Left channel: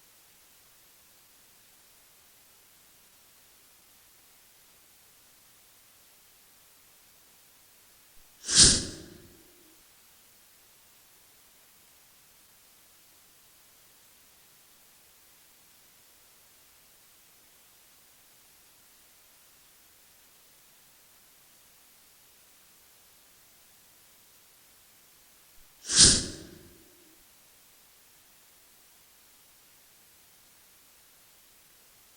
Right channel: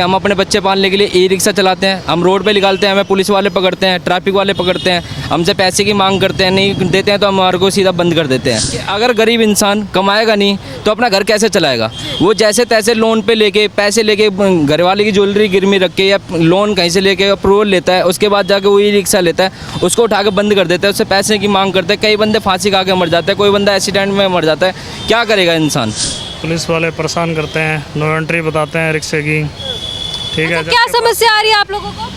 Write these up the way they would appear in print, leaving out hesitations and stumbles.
हम अपने बच्चे पालने के लिए ई रिक्शा चलाते हैं, हम रोड पे निकालते हैं, हमें पुलिस वाले पकड़ते हैं, ट्रैफिक वाले पकड़ते हैं, हमसे पैसे की मांग करते हैं, नहीं देते हैं तो हमारे को सीधा बंद कर देते हैं। अगर गरीब इंसान कमाएगा नहीं तो अपना घर कैसे चलाएगा? वो जैसे तैसे लोन पे लेके पैसे लेके घर वाले की ज्वेलरी गिरवी रख के या लोन कहीं से लेके अप्रूवल लेता है, उसके बाद जाके वो ई रिक्शा लेता है, उसको उठा के बंद कर देता है, उससे पैसे की मांग करते हैं। कई बंदे फांसी खा के मर जाते हैं, कोई बंदा एक्सीडेंट में मर जाता है। क्या करेगा इंसान? पुलिस वाले परेशान करते हैं, नो एंट्री बताते हैं रिक्शे की। ठीक है, क्या समस्या आ रही है आप लोगों को?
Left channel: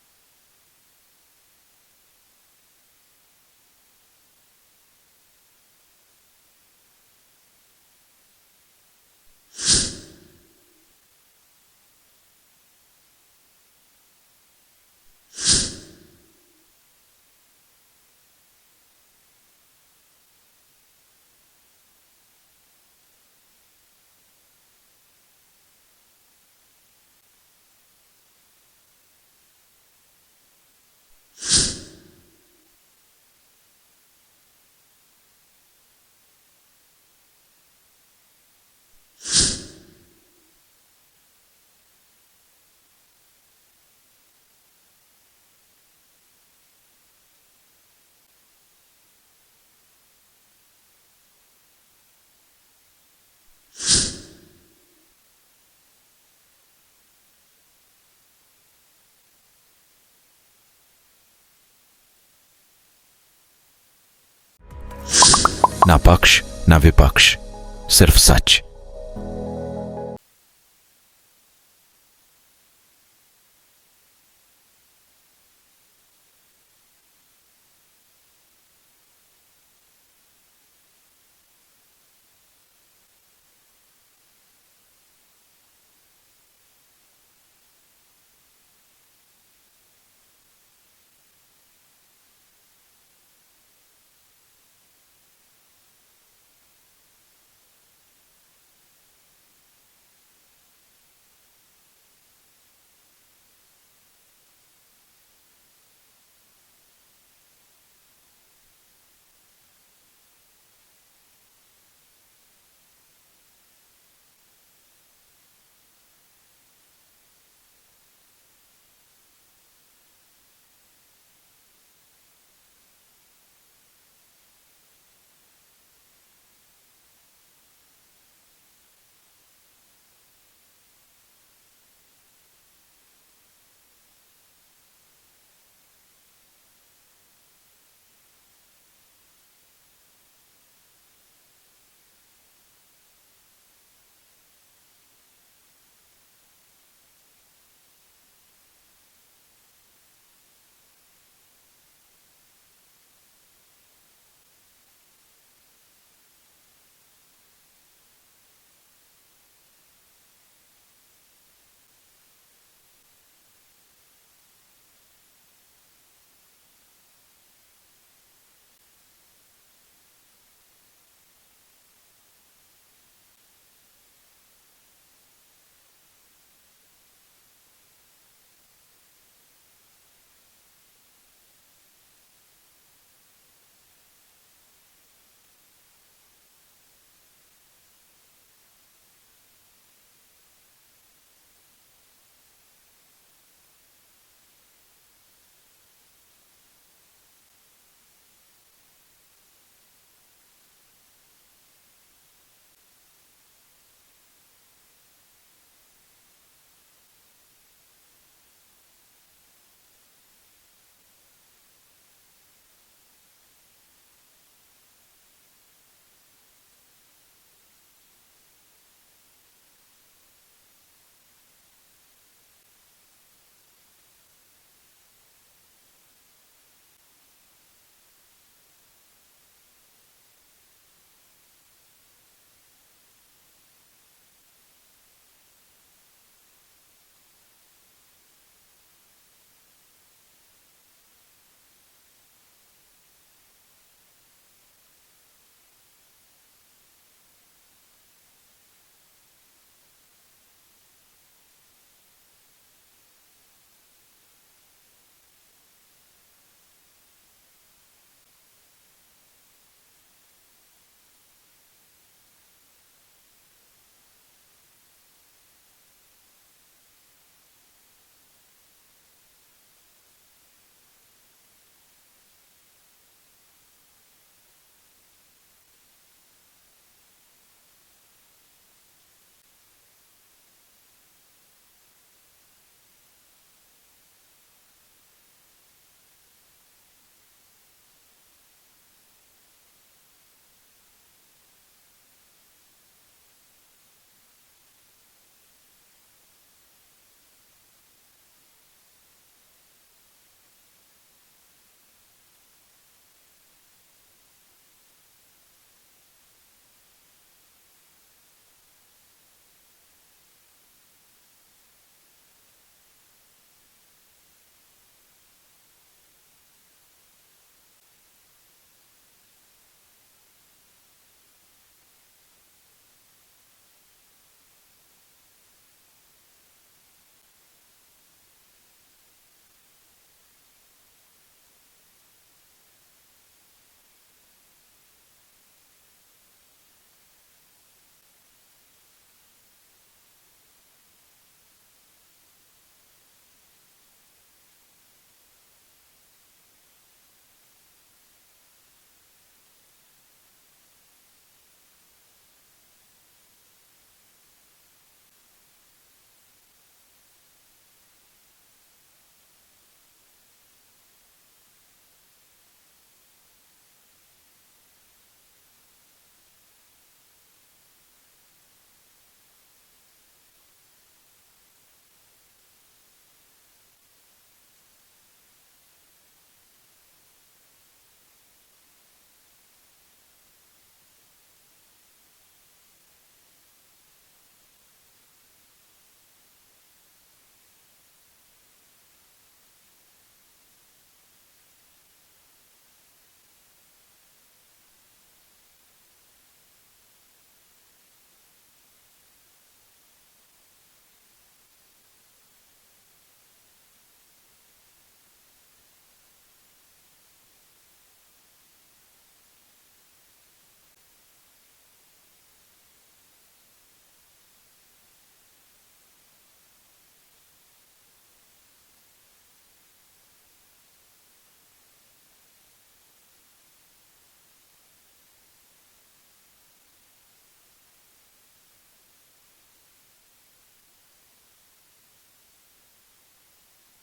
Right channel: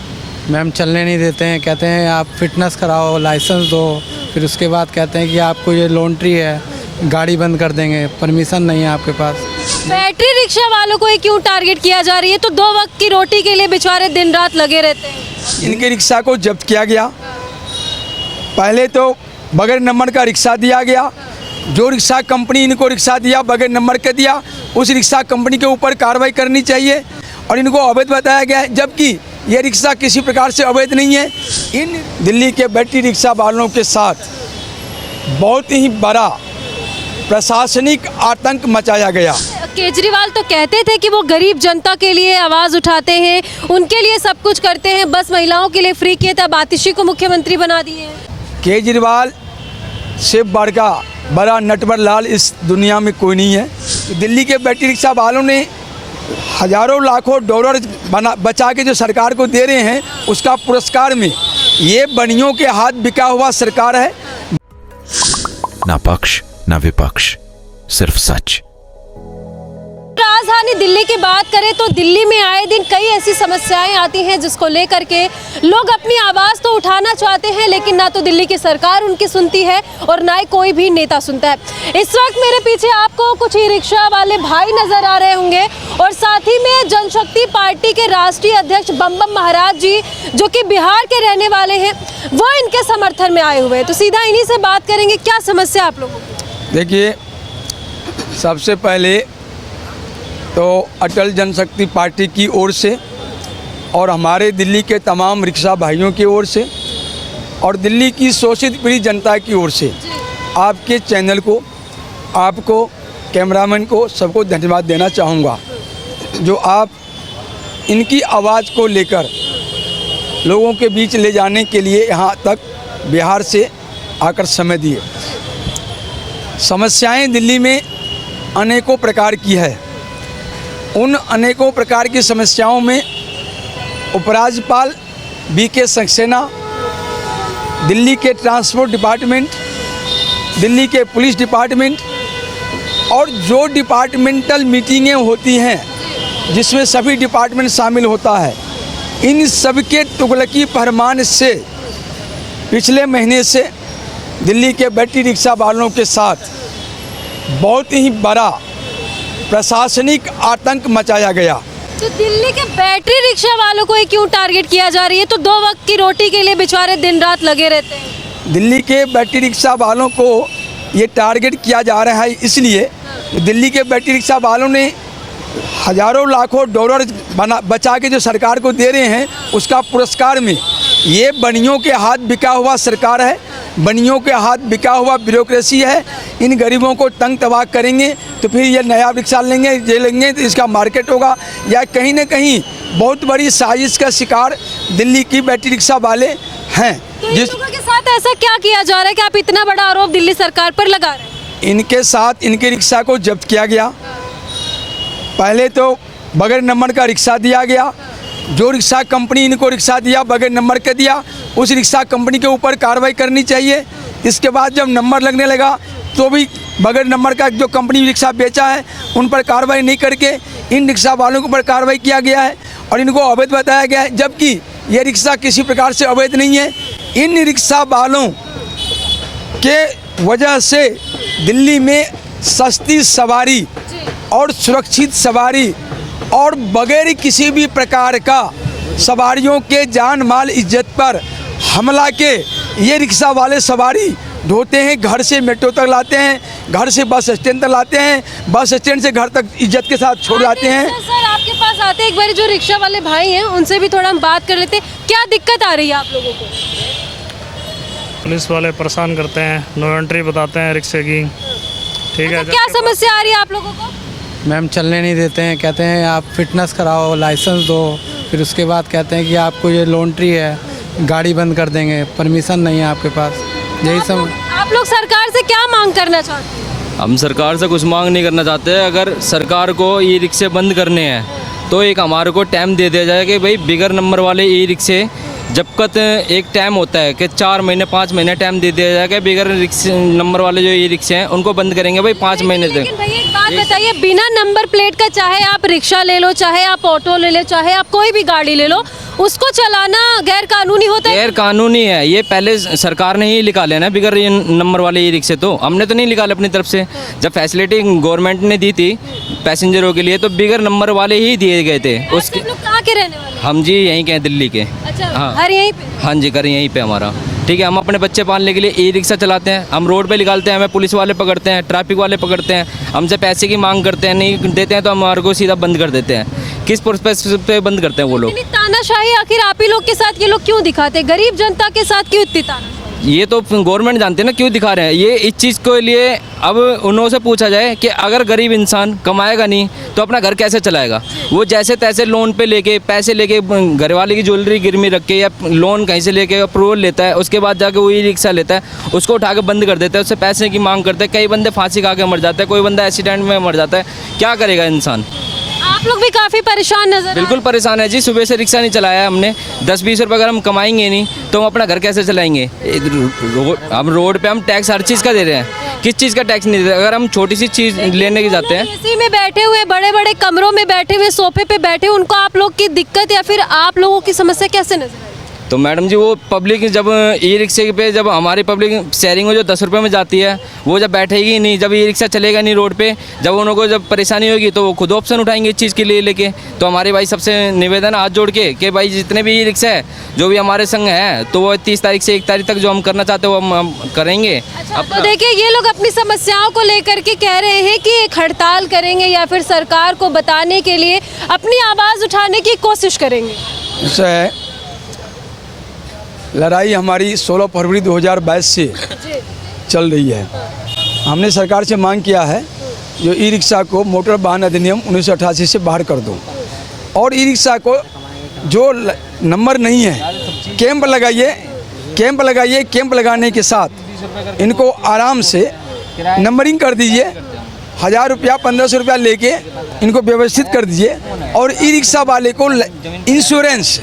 मैम चलने नहीं देते हैं, कहते हैं आप फिटनेस कराओ, लाइसेंस दो, फिर उसके बाद कहते हैं कि आपको ये लॉन्ड्री है, गाड़ी बंद कर देंगे, परमिशन नहीं है आपके पास। बैटरी रिक्शा वालों को ये क्यों टारगेट किया जा रही है? तो 2 वक्त की रोटी के लिए बेचारे दिन रात लगे रहते हैं। इनके रिक्शा को जब्त किया गया। पहले तो बगैर नंबर का रिक्शा दिया गया। जो रिक्शा कंपनी इनको रिक्शा दिया बगैर नंबर के दिया, उस रिक्शा कंपनी के ऊपर कार्रवाई करनी चाहिए और इनको अवैध बताया गया है, जबकि ये रिक्शा किसी प्रकार से अवैध नहीं है। इन दिल्ली के बैटरी रिक्शा वालों के साथ बहुत ही बड़ा प्रशासनिक आतंक मचाया गया। केजरीवाल तो कहते थे कि वो गरीब जनता के लिए आवाज़ उठाते हैं, उनके लिए सब कुछ करते हैं, बस महिलाओं के लिए फ्री किए थे, अब आतिशी को मुख्यमंत्री बना दिए हैं। केजरीवाल से बड़ा नटवर लाल इस दुनिया में कोई नहीं है। दिल्ली के बैटरी रिक्शा वालों ने हजारों लाखों डॉलर बचा के जो सरकार को दे रहे हैं, उसका पुरस्कार में ये बनियों के हाथ बिका हुआ सरकार है। ना पक्ष ना विपक्ष, सिर्फ सच। राजधानी दिल्ली की बात करें तो दिल्ली में आए दिन कई ऐसी समस्याएं आती हैं जिसको लेकर के लोग अपनी आवाज़ तो उठाना चाहते हैं, लेकिन ना तो दिल्ली की सरकार उनकी सुनती है और ना ही कोई भी नेता सुनता है। इस वक्त मेरे पीछे आपको कुछ ई रिक्शा वाले भाई नजर आ रहे होंगे और साथ ही में जनशक्ति पार्टी के राष्ट्रीय अध्यक्ष बम बम महाराज जी, जो कि बिहार के रहने वाले हैं, वो इनके समर्थन में आए हुए हैं। तो सीधा इन्हीं से बात करेंगे, क्या समस्या आप लोगों को? देखिए, सबसे पहले तो अटल जनशक्ति पार्टी की ओर से और हमारे दिल्ली के तमाम रिक्शा भाइयों की ओर से और दिल्ली की शोषित पीड़ित जनता की ओर से आपके चैनल को, आपको, कैमरामैन को, सबको धन्यवाद देना चाहूँगा, जो आप इनकी आवाज़ को लेकर लोगों के बीच ले जाने के लिए यहाँ तक बिहार से आकर समय दिए। समस्याएं दिल्ली में अनेकों प्रकार की है। उन अनेकों प्रकार की समस्याओं में उपराज्यपाल वीके सक्सेना, दिल्ली के ट्रांसपोर्ट डिपार्टमेंट, दिल्ली के पुलिस डिपार्टमेंट और जो डिपार्टमेंटल मीटिंगें होती हैं जिसमें सभी डिपार्टमेंट शामिल होता है, इन सब के तुगलकी फरमान से पिछले महीने से दिल्ली के बैटरी रिक्शा वालों के साथ बहुत ही बड़ा प्रशासनिक आतंक मचाया गया। तो दिल्ली के बैटरी रिक्शा वालों को ये क्यों टारगेट किया जा रही है? तो 2 वक्त की रोटी के लिए बेचारे दिन रात लगे रहते हैं। दिल्ली के बैटरी रिक्शा वालों को ये टारगेट किया जा रहा है इसलिए दिल्ली के बैटरी रिक्शा वालों ने हजारों लाखों डॉलर बचा के जो सरकार को दे रहे हैं, उसका पुरस्कार में ये बनियों के हाथ बिका हुआ सरकार है, बनियों के हाथ बिका हुआ ब्यूरोक्रेसी है। इन गरीबों को तंग तबाह करेंगे तो फिर ये नया रिक्शा लेंगे, ये लेंगे तो इसका मार्केट होगा, या कहीं ना कहीं बहुत बड़ी साजिश का शिकार दिल्ली की बैटरी रिक्शा वाले हैं। तो जिस लोगों के साथ ऐसा क्या किया जा रहा है कि आप इतना बड़ा आरोप दिल्ली सरकार पर लगा रहे हैं? इनके साथ इनके रिक्शा को जब्त किया गया। पहले तो बगैर नंबर का रिक्शा दिया गया। जो रिक्शा कंपनी इनको रिक्शा दिया बगैर नंबर के दिया, उस रिक्शा कंपनी के ऊपर कार्रवाई करनी चाहिए। इसके बाद जब नंबर लगने लगा तो भी बगैर नंबर का जो कंपनी रिक्शा बेचा है उन पर कार्रवाई नहीं करके इन रिक्शा वालों के ऊपर कार्रवाई किया गया है और इनको अवैध बताया गया है, जबकि ये रिक्शा किसी प्रकार से अवैध नहीं है। इन रिक्शा वालों के वजह से दिल्ली में सस्ती सवारी और सुरक्षित सवारी और बगैर किसी भी प्रकार का सवारियों के जान माल इज्जत पर हमला के ये रिक्शा वाले सवारी ढोते हैं, घर से मेट्रो तक लाते हैं, घर से बस स्टैंड तक लाते हैं, बस स्टैंड से घर तक इज्जत के साथ छोड़ जाते हैं। सर आपके पास आते एक बार जो रिक्शा वाले भाई हैं उनसे भी थोड़ा हम बात कर लेते हैं, क्या दिक्कत आ रही है आप लोगों को? पुलिस वाले परेशान करते हैं, नो एंट्री बताते हैं रिक्शे की। ठीक है, क्या समस्या आ रही है आप लोगों को? मैम चलने नहीं देते हैं, कहते हैं आप फिटनेस कराओ, लाइसेंस दो, फिर उसके बाद कहते हैं कि आपको ये लॉन्ड्री है, गाड़ी बंद कर देंगे, परमिशन नहीं है आपके पास। यही सब। आप लोग सरकार से क्या मांग करना चाहते हैं? हम सरकार से कुछ मांग नहीं करना चाहते। अगर सरकार को ई रिक्शे बंद करने हैं तो एक हमारे को टाइम दे दिया जाए कि भाई बिगर नंबर वाले ई रिक्शे जब तक एक टाइम होता है कि 4 महीने 5 महीने टाइम दे दिया जाए कि बिगर रिक्शे नंबर वाले जो ई रिक्शे हैं उनको बंद करेंगे भाई 5 महीने तक। लेकिन भैया एक बात बताइए, बिना नंबर प्लेट का चाहे आप रिक्शा ले लो, चाहे आप ऑटो ले लो, चाहे आप कोई भी गाड़ी ले लो, उसको चलाना गैर कानूनी होता है? गैर कानूनी है ये। पहले सरकार ने ही निकाले ना बिगर ये नंबर वाले ई रिक्शे, तो हमने तो नहीं निकाले अपनी तरफ से। जब फैसिलिटी गवर्नमेंट ने दी थी पैसेंजरों के लिए तो बिगर नंबर वाले ही दिए गए थे। उसके आप लोग कहाँ के रहने वाले हैं? हम जी यहीं के हैं, दिल्ली के। अच्छा, हाँ। घर यहीं पे? हाँ जी, घर यहीं पे हमारा। ठीक है, हम अपने बच्चे पालने के लिए ई रिक्शा चलाते हैं, हम रोड पे निकालते हैं, हमें पुलिस वाले पकड़ते हैं, ट्रैफिक वाले पकड़ते हैं, हमसे पैसे की मांग करते हैं, नहीं देते हैं तो हमारे को सीधा बंद कर देते हैं। किस पर्पस पे बंद करते हैं वो लोग? इतनी तानाशाही आखिर आप ही लोग के साथ ये लोग क्यों दिखाते हैं? गरीब जनता के साथ क्यों इतनी तानाशाही? ये तो गवर्नमेंट जानते हैं ना क्यों दिखा रहे हैं ये। इस चीज़ के लिए अब उन्हों से पूछा जाए कि अगर गरीब इंसान कमाएगा नहीं तो अपना घर कैसे चलाएगा? वो जैसे तैसे लोन पे लेके पैसे लेके घर वाले की ज्वेलरी गिरवी रख के या लोन कहीं से लेके अप्रूवल लेता है, उसके बाद जाके वो ई रिक्शा लेता है, उसको उठा के बंद कर देता है, उससे पैसे की मांग करते हैं। कई बंदे फांसी खा के मर जाते हैं, कोई बंदा एक्सीडेंट में मर जाता है। क्या करेगा इंसान? आप लोग भी काफी परेशान नजर आ रहे हैं। बिल्कुल परेशान है जी। सुबह से रिक्शा नहीं चलाया है हमने। 10-20 रुपये अगर हम कमाएंगे नहीं तो हम अपना घर कैसे चलाएंगे? हम रोड पे हम टैक्स हर चीज़ का दे रहे हैं, किस चीज़ का टैक्स नहीं दे रहे? अगर हम छोटी सी चीज़ लेने की जाते हैं, एसी में बैठे हुए, बड़े बड़े कमरों में बैठे हुए, सोफे पे बैठे हुए, उनको आप लोग की दिक्कत या फिर आप लोगों की समस्या कैसे नजर आई? तो मैडम जी वो पब्लिक जब ई रिक्शे पे जब हमारी पब्लिक शेयरिंग में जो 10 रुपये में जाती है वो जब बैठेगी नहीं, जब ई रिक्शा चलेगा नहीं रोड पे, जब उनको जब परेशानी होगी तो वो खुद ऑप्शन उठाएंगे इस चीज़ के लिए लेके। तो हमारे भाई सबसे निवेदन हाथ जोड़ के कि भाई जितने भी ई रिक्शा है जो भी हमारे संग है तो वो 30 तारीख से 1 तारीख तक जो हम करना चाहते हैं वो हम करेंगे। तो देखिए ये लोग अपनी समस्याओं को लेकर के कह रहे हैं कि एक हड़ताल करेंगे या फिर सरकार को बताने के लिए अपनी आवाज़ उठाने की कोशिश करेंगे। इससे लड़ाई हमारी 16 फरवरी 2022 से चल रही है। हमने सरकार से मांग किया है जो ई रिक्शा को मोटर वाहन अधिनियम 1988 से बाहर कर दो और ई रिक्शा को जो नंबर नहीं है कैंप लगाइए, कैंप लगाइए, कैंप लगाने के साथ इनको आराम से नंबरिंग कर दीजिए। 1000 रुपया 1500 रुपया लेके इनको व्यवस्थित कर दीजिए और ई रिक्शा वाले को इंश्योरेंस,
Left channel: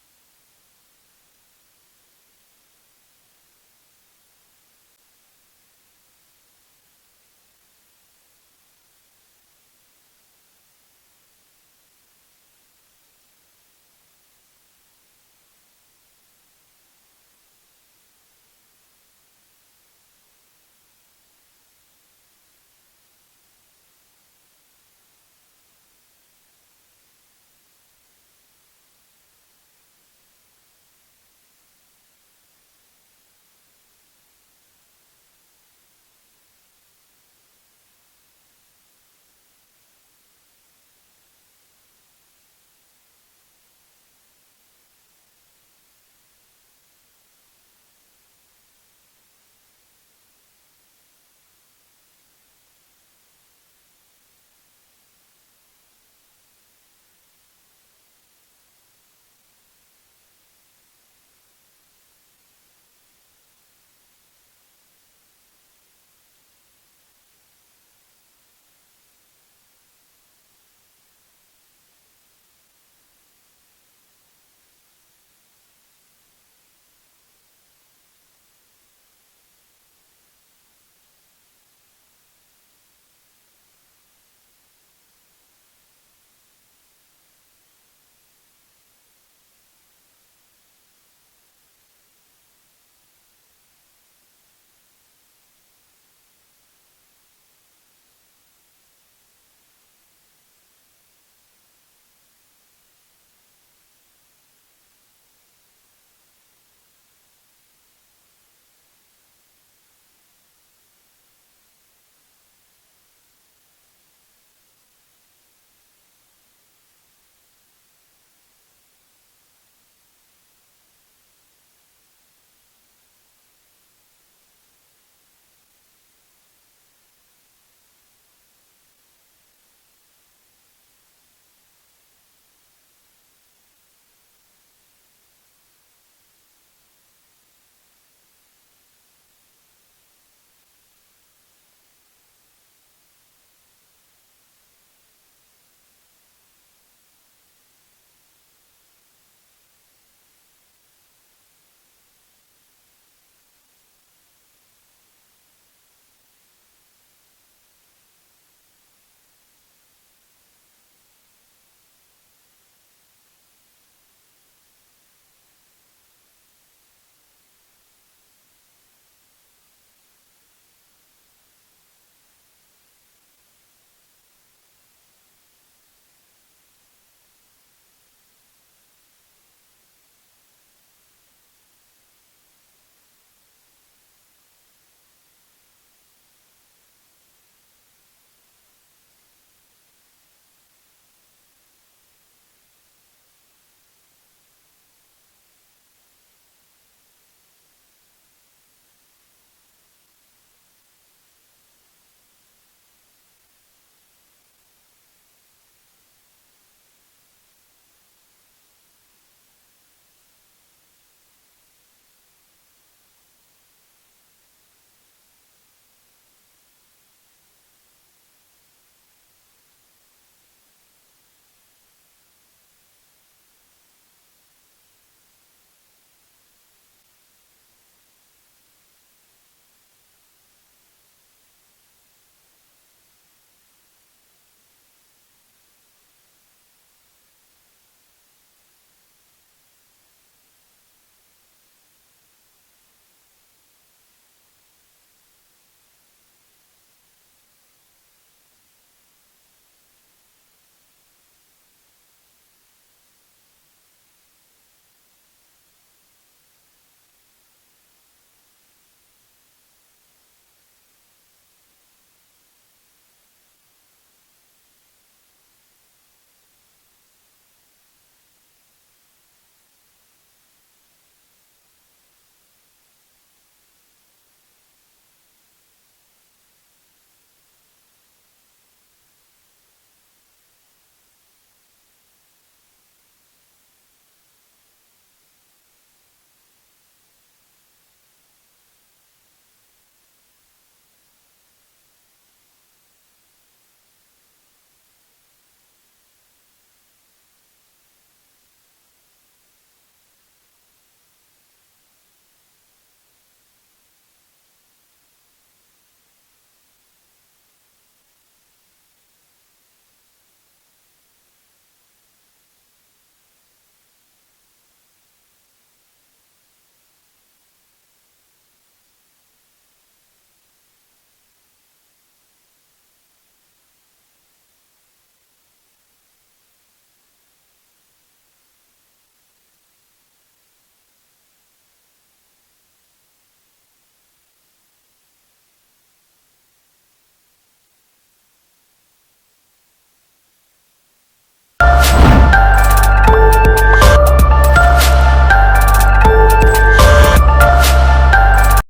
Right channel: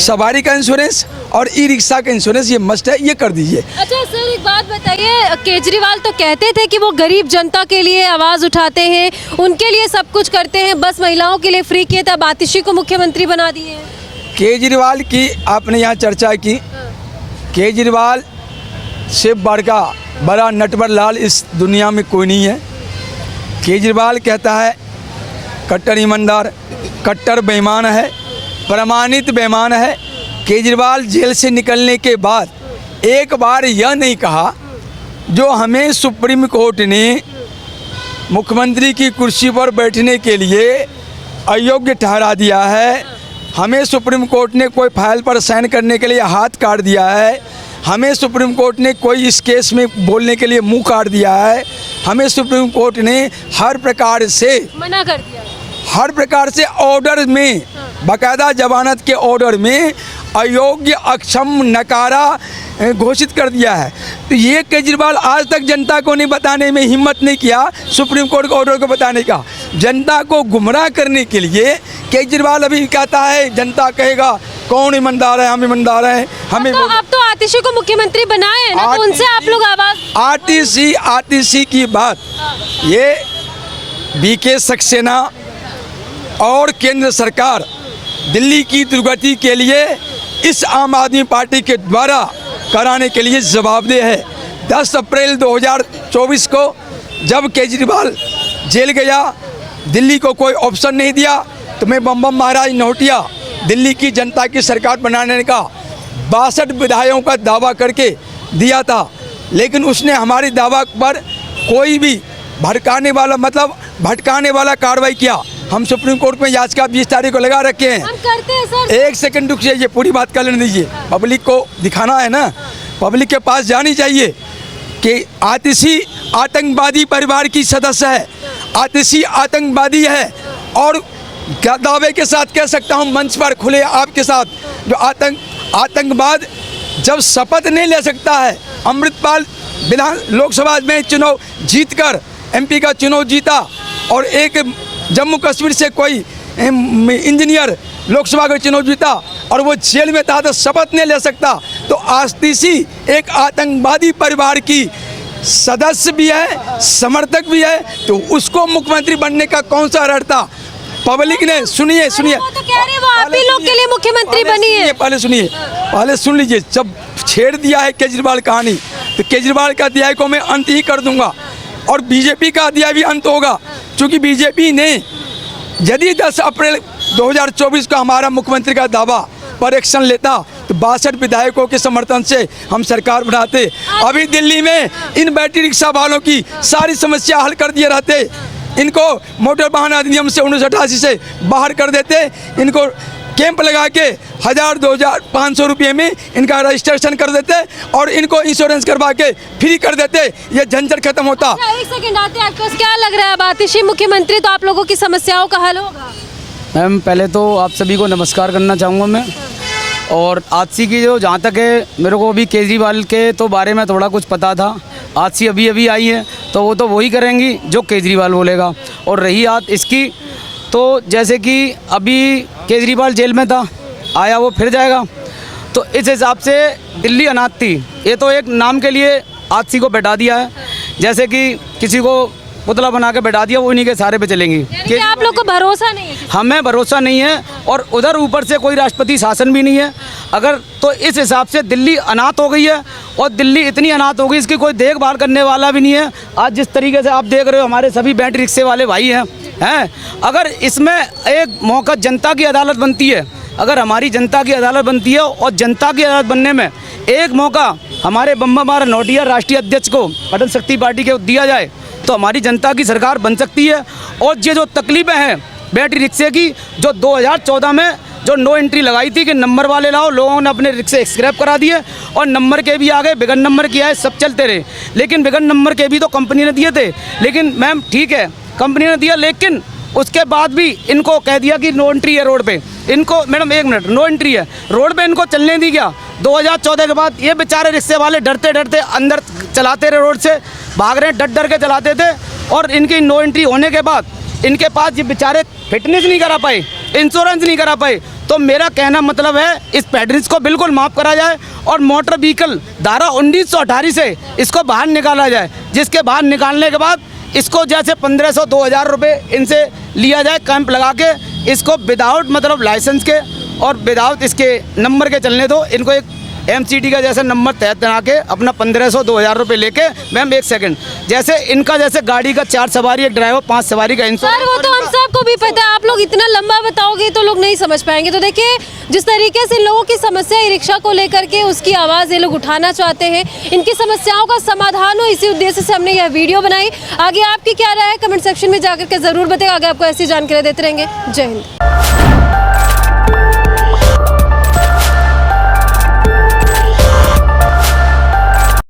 सवारी का इंश्योरेंस और ई रिक्शा का इंश्योरेंस ये मस्ट है, ये कर दीजिए। अच्छा सर एक बात बताइए, केजरीवाल तो कहते थे कि वो गरीब जनता के लिए आवाज़ उठाते हैं, उनके लिए सब कुछ करते हैं, बस महिलाओं के लिए फ्री किए, तब आतिशी को मुख्यमंत्री बना दिए हैं। केजरीवाल की आपने यहाँ चर्चा की, केजरीवाल से बड़ा नटवर लाल इस दुनिया में कोई नहीं है। केजरीवाल कहता है कट्टर ईमानदार, कट्टर बेईमान है, प्रमाणित बेईमान है। केजरीवाल जेल से निकलने के बाद एक बार यह नहीं कहा जो हमें सुप्रीम कोर्ट ने मुख्यमंत्री की कुर्सी पर बैठने के लिए अयोग्य ठहरा दिया है, हमें सुप्रीम कोर्ट ने कोई फाइल पर साइन करने के लिए हाथ काट दिया है, हमें सुप्रीम कोर्ट ने कोई इस केस में बोलने के लिए मुंह काट दिया है, हमें सुप्रीम कोर्ट ने हर प्रकार से मना कर दिया, हर प्रकार से ऑर्डर में, बाकायदा जमानत के ऑर्डर में अयोग्य, अक्षम, नकारा घोषित कर दिया है। तो ये केजरीवाल आज तक जनता को नहीं बताने में हिम्मत नहीं किया, सुप्रीम कोर्ट के ऑर्डर को बताने का। जनता को गुमराह करने के लिए केजरीवाल अभी कहता है जनता कहेगा कौन ईमानदार है, हम ईमानदार हैं, हमें अब तो आतिशी को मुख्यमंत्री बनाए हैं ना, तो उनसे आप लोग आवाज़। आतिशी की बात ये बीके सक्सेना और केंद्र सरकार दिल्ली की दुर्गति के लिए इस आम आदमी पार्टी के द्वारा कराने के लिए जवाबदेह है। 10 अप्रैल 2024 को जब केजरीवाल जेल गया, दिल्ली को कोई ऑप्शन नहीं दिया, तो मैं बम महाराज नौटिया दिल्ली की जनता की सरकार बनाने का 62 विधायकों का दावा करके दिया था, लेकिन उसने हमारी दावा पर कोई भी भटकाने वाला कार्रवाई किया। हम सुप्रीम कोर्ट में याचिका 20 तारीख को लगा रखे हैं। हम करते हैं सर। एक सेकंड रुक जाइए, पूरी बात कर लेने दीजिए, पब्लिक को दिखाना है ना, पब्लिक के पास जानी चाहिए कि आतिशी आतंकवादी परिवार की सदस्य है, आतिशी आतंकवादी है। और क्या दावे के साथ कह सकता हूँ मंच पर खुले आपके साथ, जो आतंकवाद जब शपथ नहीं ले सकता है, अमृतपाल लोकसभा में चुनाव जीतकर MP का चुनाव जीता और एक जम्मू कश्मीर से कोई इंजीनियर लोकसभा का चुनाव जीता और वो जेल में था तो शपथ नहीं ले सकता, तो आतिशी एक आतंकवादी परिवार की सदस्य भी है, समर्थक भी है, तो उसको मुख्यमंत्री बनने का कौन सा अर्थ था? पब्लिक ने सुनिए वो तो कह रहे हैं वो आप ही लोग के लिए मुख्यमंत्री बनी है। पहले सुन लीजिए। जब छेड़ दिया है केजरीवाल कहानी, तो केजरीवाल का अध्याय को मैं अंत ही कर दूंगा और बीजेपी का अध्याय भी अंत होगा, क्योंकि बीजेपी ने यदि 10 अप्रैल 2024 का हमारा मुख्यमंत्री का दावा पर एक्शन लेता तो 62 विधायकों के समर्थन से हम सरकार बनाते। अभी दिल्ली में इन बैटरी रिक्शा वालों की सारी समस्या हल कर दिए रहते, इनको मोटर वाहन अधिनियम से 1988 से बाहर कर देते, इनको कैंप लगा के 1000, 2000, 500 रुपये में इनका रजिस्ट्रेशन कर देते और इनको इंश्योरेंस करवा के फ्री कर देते, ये झंझट खत्म होता। एक सेकंड आते हैं, आपको क्या लग रहा है अब आतिशी मुख्यमंत्री तो आप लोगों की समस्याओं का हल होगा? मैम पहले तो आप सभी को नमस्कार करना चाहूँगा मैं। और आतिशी की जो जहाँ तक है, मेरे को अभी केजरीवाल के तो बारे में थोड़ा कुछ पता था। आतिशी अभी आई है तो वो तो वही करेंगी जो केजरीवाल बोलेगा। और रही बात इसकी, तो जैसे कि अभी केजरीवाल जेल में था, आया वो फिर जाएगा, तो इस हिसाब से दिल्ली अनाथ थी, ये तो एक नाम के लिए आतिशी को बैठा दिया है। जैसे कि किसी को पुतला बना के बैठा दिया, वो उन्हीं के सारे पे चलेंगी। कि आप लोग को भरोसा नहीं है? हमें भरोसा नहीं है और उधर ऊपर से कोई राष्ट्रपति शासन भी नहीं है। अगर तो इस हिसाब से दिल्ली अनाथ हो गई है और दिल्ली इतनी अनाथ हो गई इसकी कोई देखभाल करने वाला भी नहीं है। आज जिस तरीके से आप देख रहे हो हमारे सभी बैटरी रिक्शे वाले भाई हैं, अगर इसमें एक मौका जनता की अदालत बनती है, अगर हमारी जनता की अदालत बनती है और जनता की अदालत बनने में एक मौका हमारे बम्बा नोटिया राष्ट्रीय अध्यक्ष को अटल शक्ति पार्टी के दिया जाए तो हमारी जनता की सरकार बन सकती है। और ये जो तकलीफें हैं बैटरी रिक्शे की, जो 2014 में जो नो एंट्री लगाई थी कि नंबर वाले लाओ, लोगों ने अपने रिक्शे स्क्रैप करा दिए और नंबर के भी आ गए, बिगन नंबर के आए, सब चलते रहे। लेकिन बिगन नंबर के भी तो कंपनी ने दिए थे। लेकिन मैम ठीक है कंपनी ने दिया, लेकिन उसके बाद भी इनको कह दिया कि नो एंट्री है रोड पे। इनको मैडम एक मिनट, नो एंट्री है रोड पे, इनको चलने दी गया। 2014 के बाद ये बेचारे रिक्शे वाले डरते डरते अंदर चलाते रहे, रोड से भाग रहे, डर के चलाते थे। और इनकी नो एंट्री होने के बाद इनके पास ये बेचारे फिटनेस नहीं करा पाए, इंश्योरेंस नहीं करा पाए। तो मेरा कहना मतलब है इस पैडरिस को बिल्कुल माफ़ करा जाए और मोटर व्हीकल धारा 1918 से इसको बाहर निकाला जाए, जिसके बाहर निकालने के बाद इसको जैसे 1500-2000 रुपये इनसे लिया जाए, कैंप लगा के इसको विदाउट मतलब लाइसेंस के और विदाउट इसके नंबर के चलने दो। इनको एक MCD का जैसे नंबर तैयार के अपना 1500-2000 रुपये लेके, मैम एक सेकंड, जैसे इनका जैसे गाड़ी का 4 सवारी, एक ड्राइवर, 5 सवारी का इंश्योरेंस। सर वो तो हम सबको भी पता है, आप लोग इतना लंबा बताओगे तो लोग नहीं समझ पाएंगे। तो देखिए जिस तरीके से लोगों की समस्या ई रिक्शा को लेकर के उसकी आवाज़ ये लोग उठाना चाहते हैं, इनकी समस्याओं का समाधान हो, इसी उद्देश्य से हमने यह वीडियो बनाई। आगे आपकी क्या राय है कमेंट सेक्शन में जाकर के ज़रूर बताइए। आगे आपको ऐसी जानकारी देते रहेंगे। जय हिंद।